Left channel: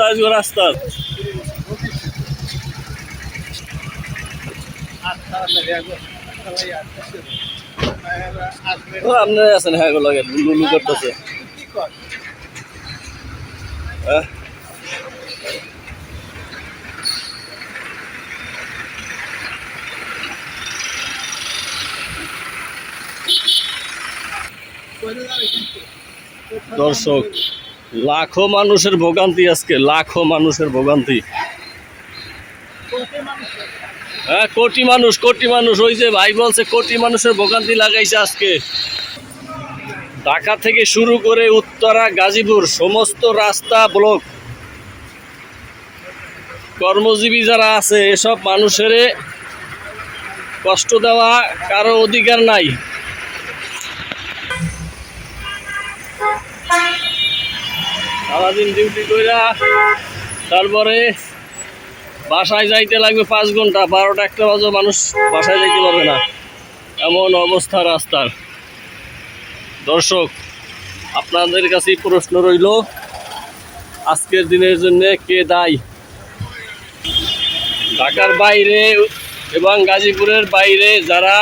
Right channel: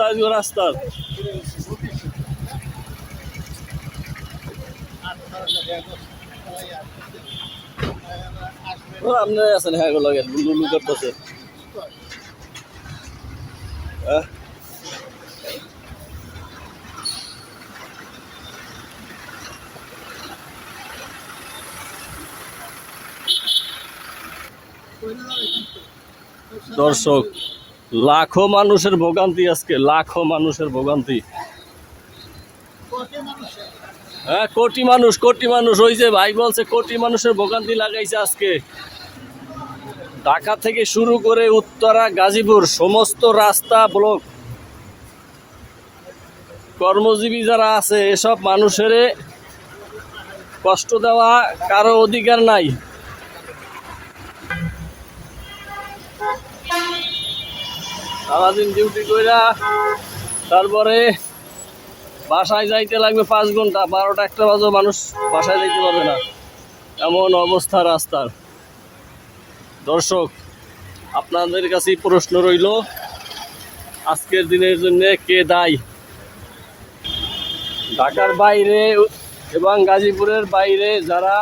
অবস্থা আজকে রাস্তার? আপনি আছেন, হ্যাঁ লাগে লুলু করতেছে। দর্শক, লাখো মানুষের ভোগান্তি আজকে, লাখো মানুষের ভোগান্তি। হ্যাঁ, কোটি মানুষ ওই যে ভাই বলছে কোটি মানুষের ভোগান্তি লাগাইছে আজকে। ঢাকা থেকে শুরু করে উত্তরা গাজীপুর সমস্ত রাস্তা ব্লক। কর্মজীবী যারা আছে এসব মানুষের কষ্ট দেওয়া কারো অধিকার নাই। সারাদিন ডিউটি কইরা তারপরে বাসায় যাইতে লাগবে 5 ঘন্টা, 12টা 1টা বাজে মানুষ বাসায় যাইতে পারবে না, এমন অবস্থা রাস্তার। দর্শক, আপনাদের কাছে প্রশ্ন রইল, আজকের দিনের জন্য কে দায়ী? ঢাকার বাইরে এবং গাজীপুরের বাইরে যারা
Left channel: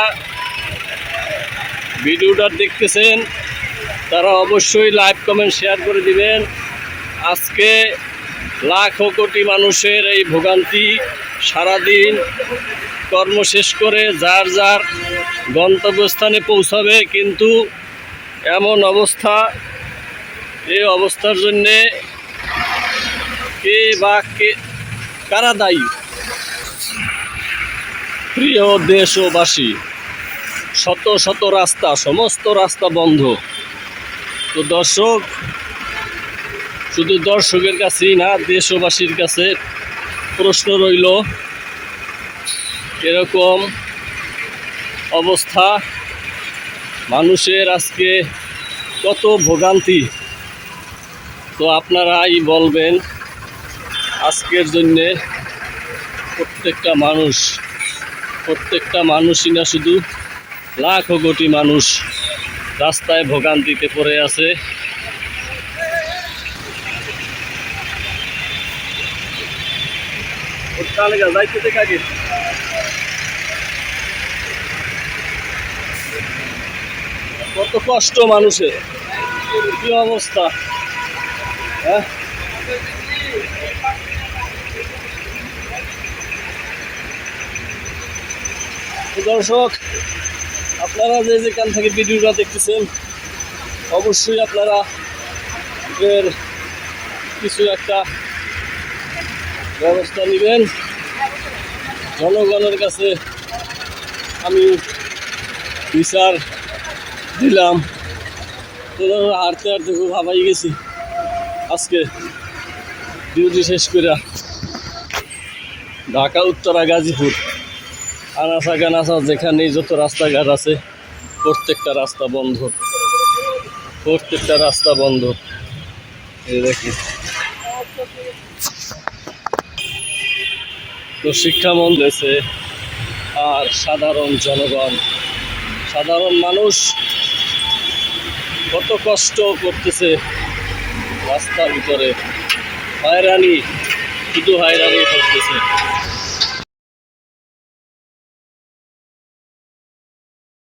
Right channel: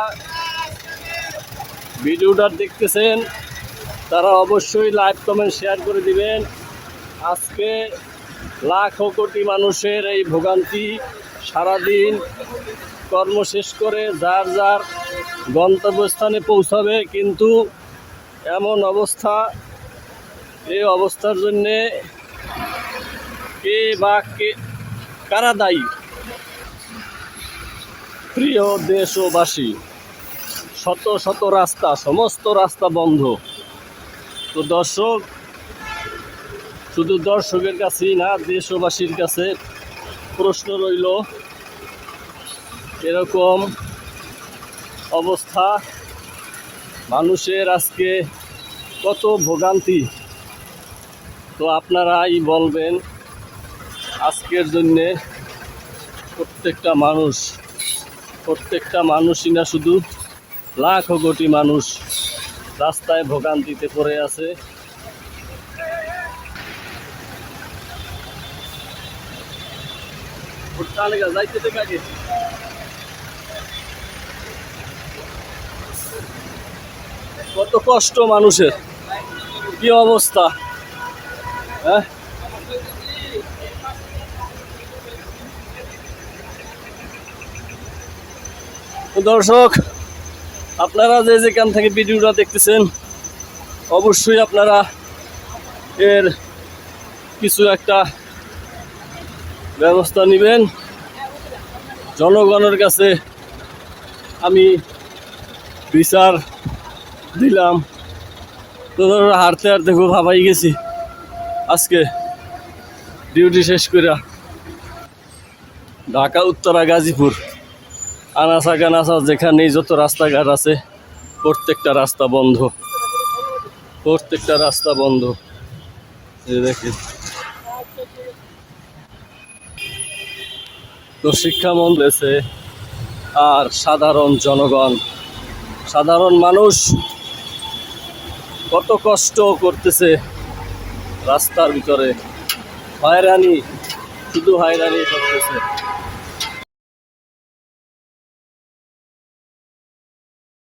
ভিডিওটা দেখতেছেন তারা অবশ্যই লাইভ কমেন্ট শেয়ার করে দিবেন। আজকে লাখো কোটি মানুষের এই ভোগান্তি, সারাদিন কর্ম শেষ করে যার যার গন্তব্যস্থানে পৌঁছাবে, কিন্তু এমন অবস্থা। এই অবস্থার জন্যে কে বা কে কারা দায়ী? প্রিয় দেশবাসী, শত শত রাস্তা, সমস্ত রাস্তা বন্ধ। তো দর্শক, শুধু দর্শকের কাছেই না, দেশবাসীর কাছে প্রশ্ন রইল, এরকম অবস্থা মানুষের আজকে কত ভোগান্তি। তো আপনারাই বলবেন, আজকের জন্যে প্রত্যেকটা মানুষই না, শুধু লাখো কোটি মানুষ রাস্তায় ভোগান্তিতে পড়ে আছে। কত কষ্ট মানুষের, কি অবস্থা। হ্যাঁ, দর্শক, আপনারা যে যেখান থেকে ভিডিওটা দেখতেছেন অবশ্যই আপনারা এর কিছু একটা ব্যবস্থা নেবেন। জনগণের কাছে আমি বিচার দিলাম। তো হাঁটতে হাঁটতে খুব হাঁপাই গেছি আজকে ডিউটি শেষ করে। ঢাকা উত্তরা গাজীপুর আনাচা কানাচা যেখানেই যত রাস্তাঘাট আছে প্রত্যেকটা রাস্তা বন্ধ, প্রত্যেকটা রাস্তা বন্ধ। দেখি তো শিক্ষামন্ত্রী আর সাধারণ জনগণ, সাধারণ মানুষ কত কষ্ট করতেছে রাস্তার ভিতরে, হয়রানি, শুধু হয়রানি করতেছে।